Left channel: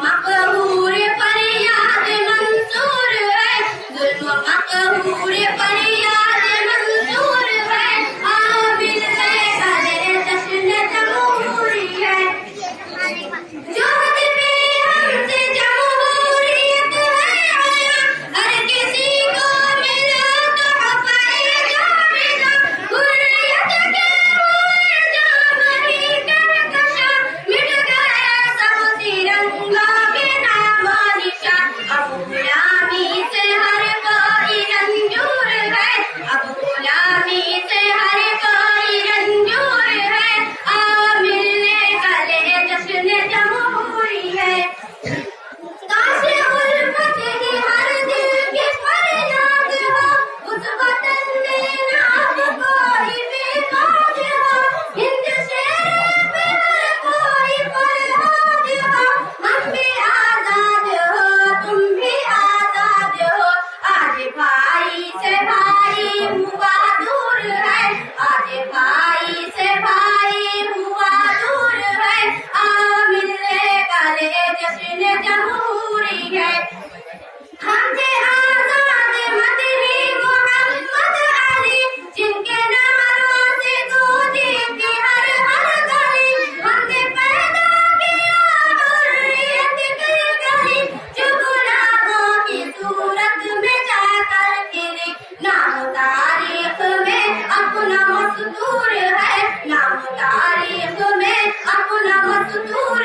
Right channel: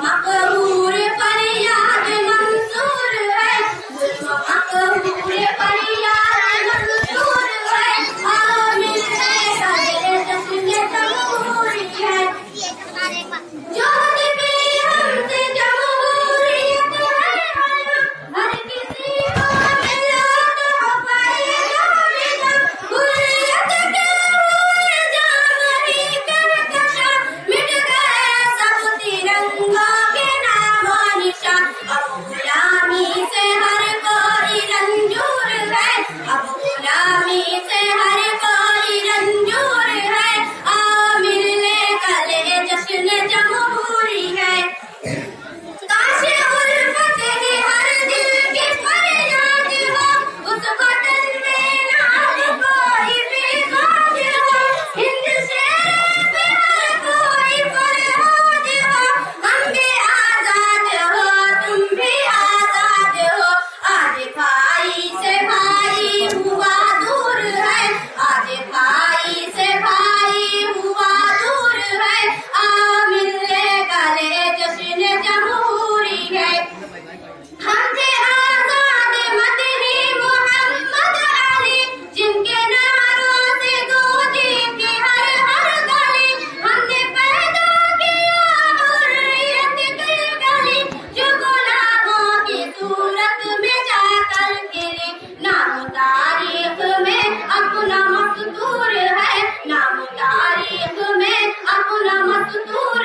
मकहूर फरियाद मंसूर है, जुल्म मकहूर फरियाद मंसूर है, आमिल है कदर जश्न जमहूरी है। जो भी हमसे जमहूरियत है आया, हर किसी को मिला तो फायदा मिला, हुर्रियत के हुए जाम ही कहकशा, मिट गए सब तिरंगा के नामो निशा। अब गुलामी से हर कोई रंजूर है, अब गुलामी से हर कोई रंजूर है, आमिल ने कले जश्न जमहूरी है। काश उल्फत ही हर दिल की फरियाद हो, उस वतन में ना अब कोई बेगाद हो, हिंद शेर पे हर कोई फरहाद हो, हम भी आजाद हो तुम भी आजाद हो। आज भाई से भाई हुआ दूर है, आज भाई से भाई हुआ दूर है, आमिल ने कले जश्न जमहूरी है। हम थे आजाद मदनी मोहम्मद अली, जिनके नारों से गूंजी थी हर हर गली, हमने पैदा किया हुर्रियत की गली, जो गुलामों की सूरत में जाकर गिरी। नाम तारीख में अपना मस्तूर है, नाम तारीख में अपना मस्तूर